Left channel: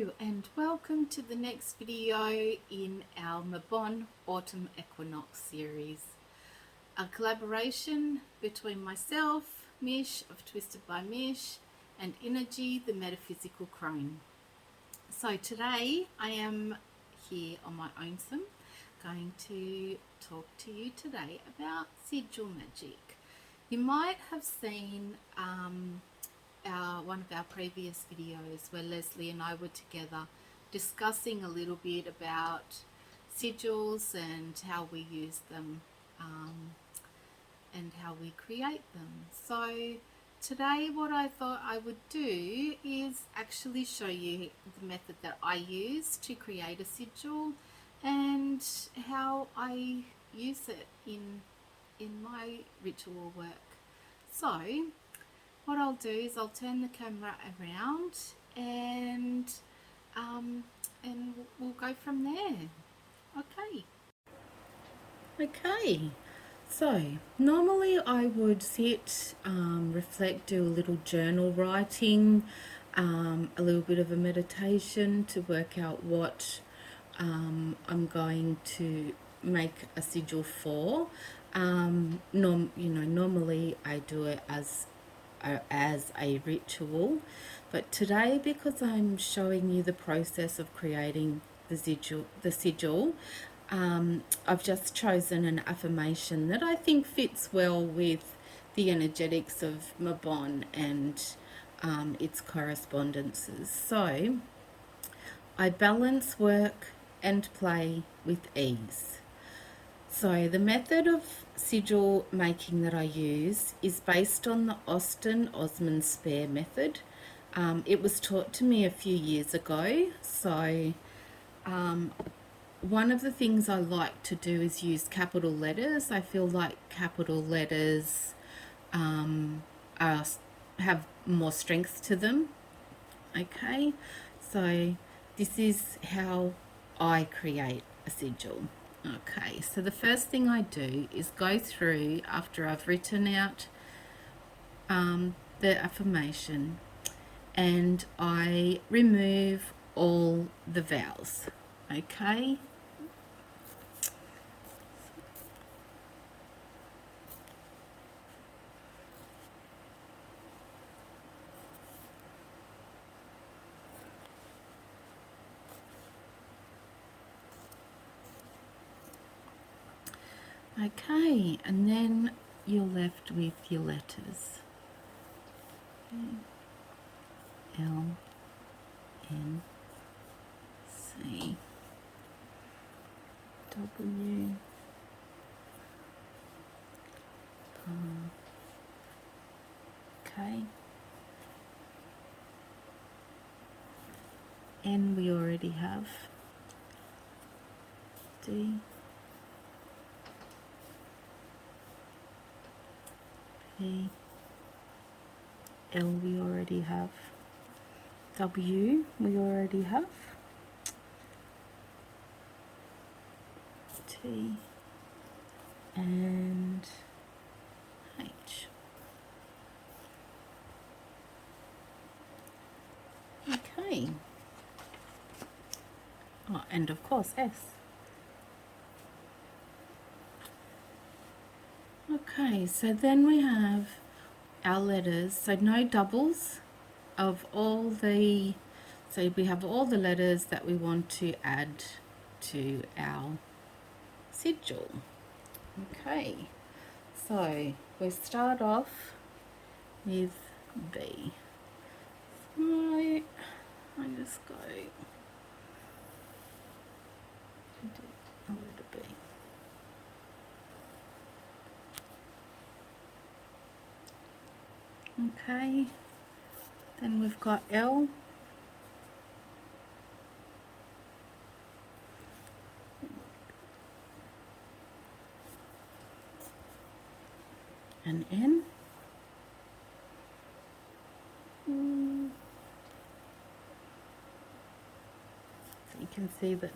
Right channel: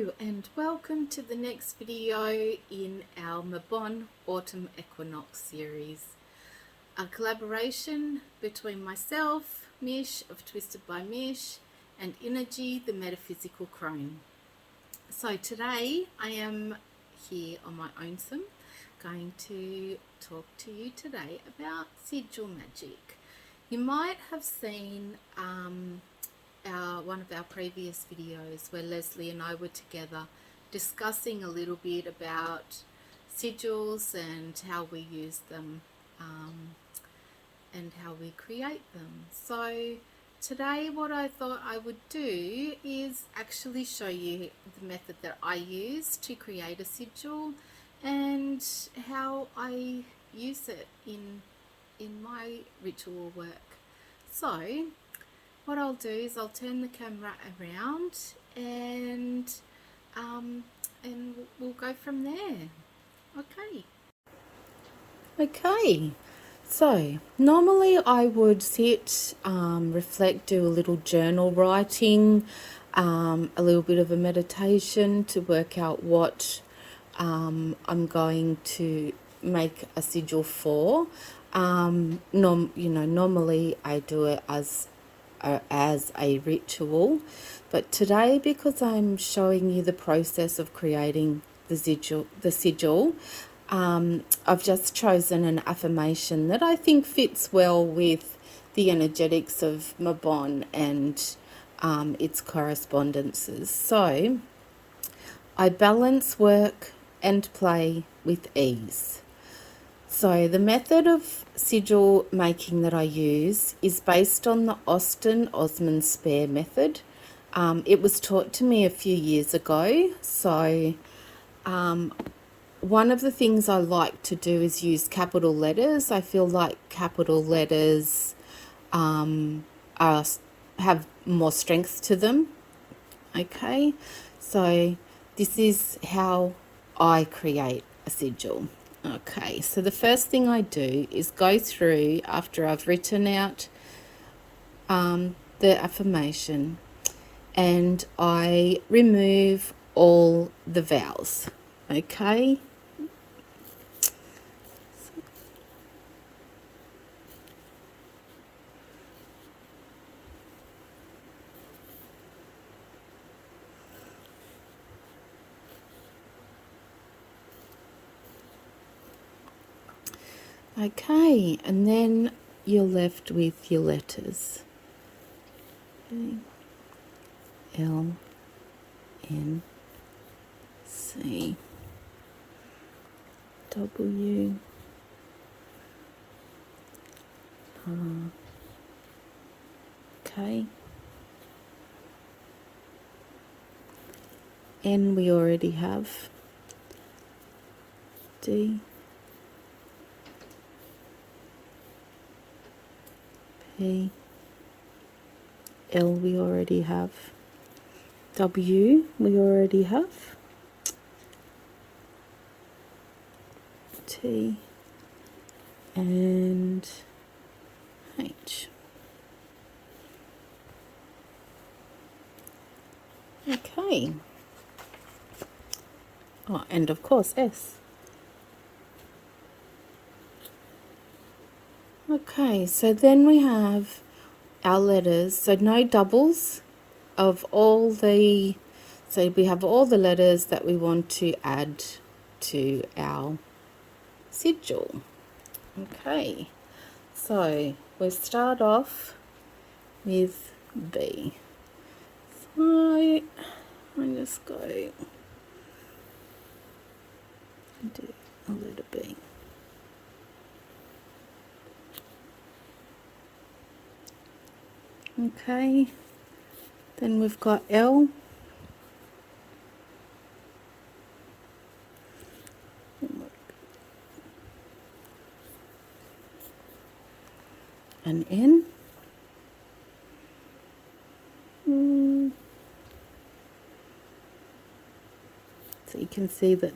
Hello and welcome to the next video in our Mabon Autumn Equinox series, a collaboration between myself, Mish of Twisted by Mish, and Innerji, the Metaphysical Crone. So today I am here on my own going to talk to you today about sigil magic. You might have seen one of our previous videos where Leslie and I were together discussing a little bit about sigils and how we use them and how we create them. So today what I thought I would do is actually show you the method that I use to create a sigil and how I use it in my ritual work. So what I'll do is I'll turn the camera around and we'll go from there. Okay, so normally I would sit, reflect, do a little journal writing, a little bit of a meditation to work out what I'm going to make a sigil for. Normally I do it as a ritual, but today, because I'm showing you the process of creating the sigil, I've just chosen an affirmation that I think fits well with the energetics of Mabon and its correspondences. So, I balance work and play with ease. So the method of sigil making that I use is based on the Austin Osman Spare method. It was taught to me a few years ago. So one of the things I like to do is use capital letters. I feel like capital letters have more strength to them. Okay, so this is how I create a sigil. Okay, so the first thing I do is go through, after I've written out the affirmation, and I remove all the vowels. Okay. Okay, and then you're left with your letters. L, N, C, W, R, K, N we already have, D, P, L we already have, W we already have, T, and H. Okay. Oh, and of course S. Okay, so then we have our letters, so no doubles of all the, so we have all the letters that we want to add to our sigil. Okay, so we start off with B. So I just go do a little B. Okay, then we've got L, and N, so you can see that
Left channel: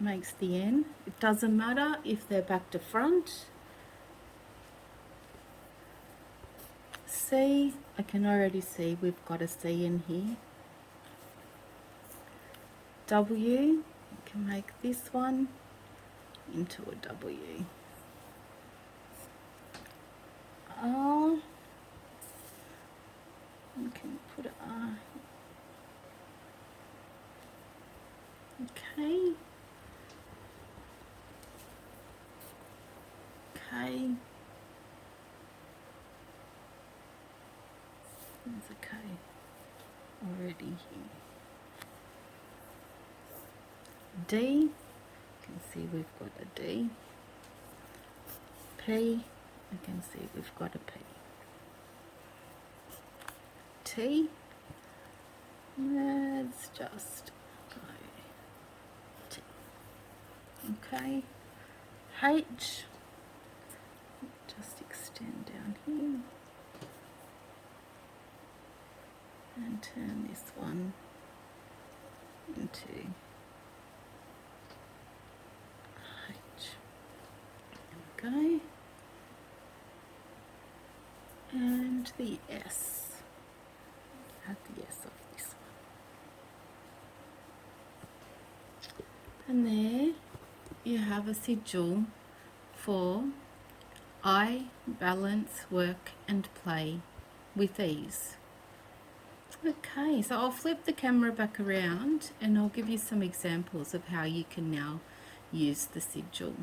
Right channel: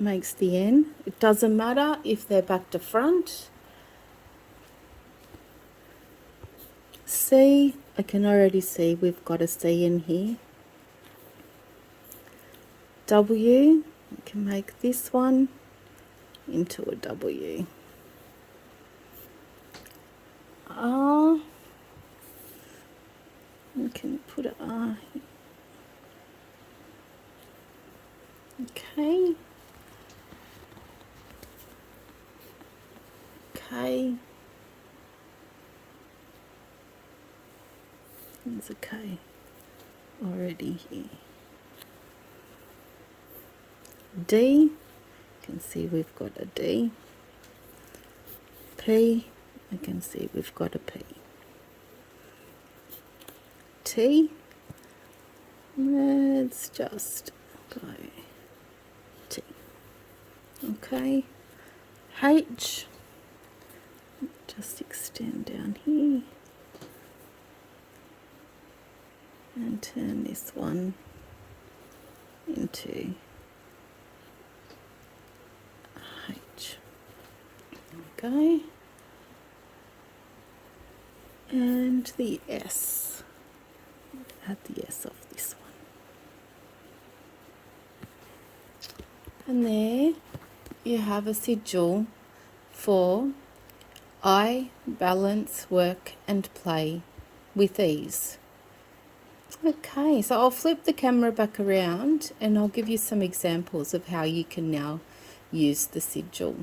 makes the N. It doesn't matter if they're back to front. C, I can already see we've got a C in here. W. You can make this one into a W. R. You can put an R. Okay. K. There's a K already here. D. You can see we've got a D. P. You can see we've got a P. T. Let's just go T. Okay. H. Just extend down here and turn this one into H. Okay. And the S. Add the S of this one. And there you have a sigil for I balance, work and play with ease. Okay, so I'll flip the camera back around and I'll give you some examples of how you can now use the sigil.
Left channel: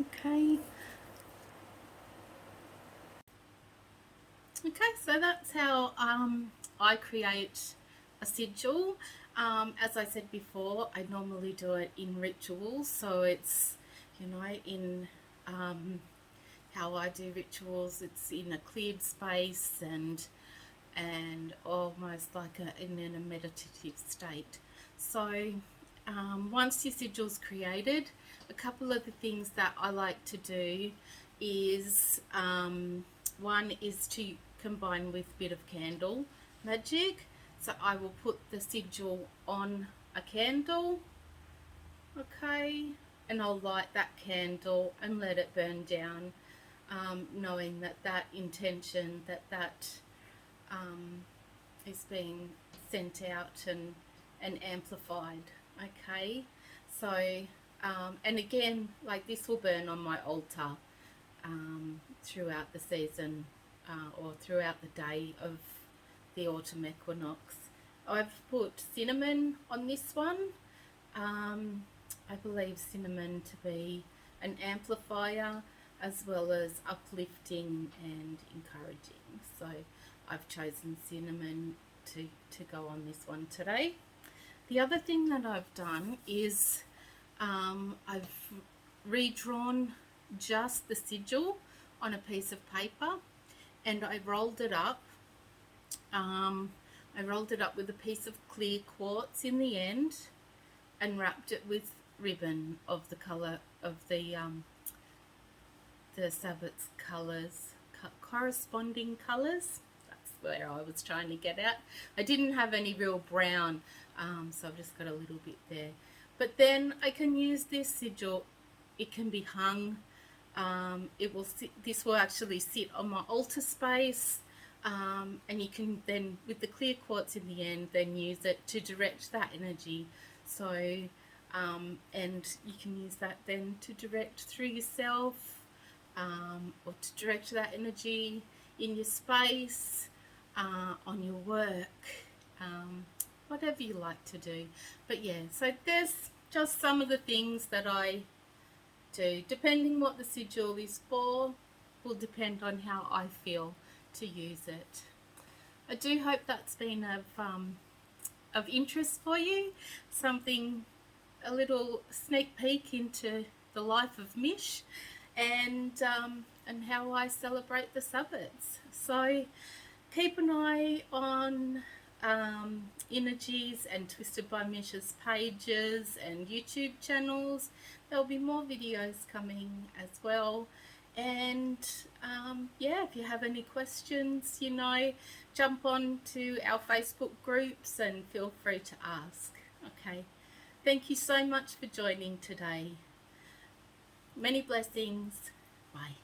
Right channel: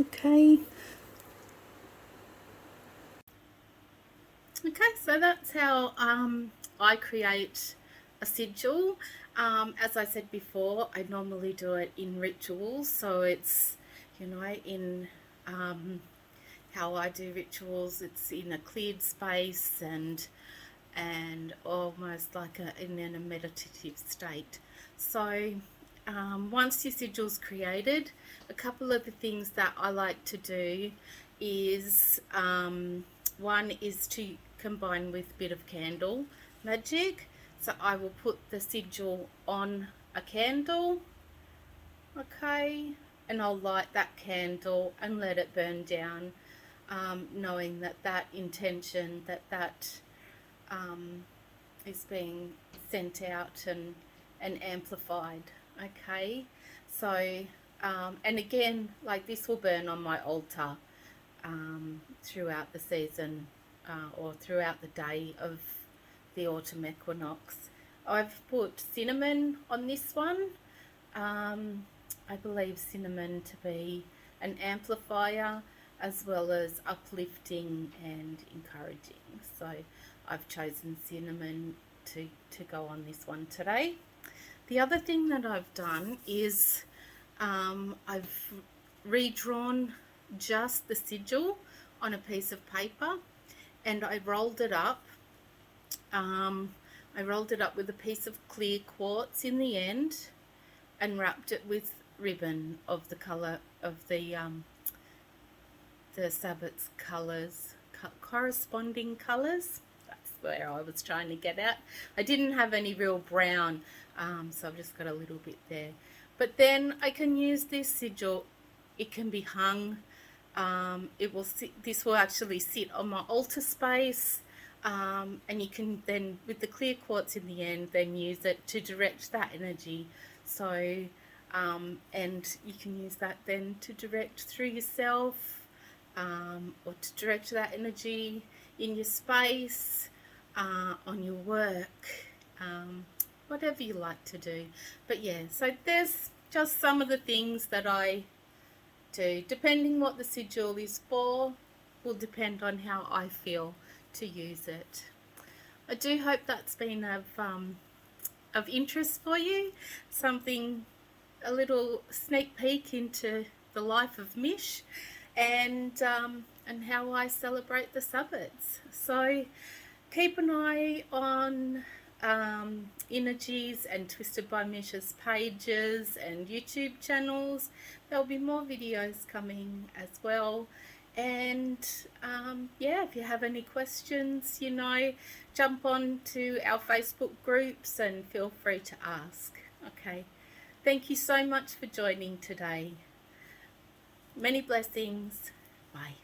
Okay. Okay, so that's how I create a sigil. As I said before, I normally do it in rituals, so it's, you know, in how I do rituals, it's in a cleared space and almost like in a meditative state. So once your sigil's created, a couple of the things that I like to do is one is to combine with a bit of candle magic. So I will put the sigil on a candle, okay, and I'll light that candle and let it burn down, knowing that that intention, that is being sent out and amplified. Okay, so and again, like this will burn on my altar throughout the season or throughout the day of the autumn equinox. I've put cinnamon on this one. I believe cinnamon to be an amplifier as well as uplifting and encouraging. So I've chosen cinnamon to go on this one today. The other thing that I've done is I've redrawn just the sigil on a piece of paper and I rolled it up. I rolled it up with a piece of clear quartz in the end and wrapped it with ribbon of the colour of the Sabbath's colours, corresponding colours. That's where I was trying to get at. I didn't have any real brown, so I've just got a little bit there. But then I can use this sigil. It can be hung. It will sit, this will actually sit on my altar space, and you can then, with the clear quartz in the end, then use it to direct that energy. So and you can use that then to direct through yourself, or to direct that energy in your space, on your work, whatever you like to do. But yeah, so there's just some of the things that I do. Depending what the sigil is for will depend on how I feel to use it. I do hope that's been of interest for you, something, a little sneak peek into the life of Mish and how I celebrate the Sabbaths. So keep an eye on Innerji's and Twisted by Mish's pages and YouTube channels. There'll be more videos coming as well. And yeah, if you have any questions, you know, jump on to our Facebook groups and feel free to ask. Okay, thank you so much for joining today. Many blessings. Bye.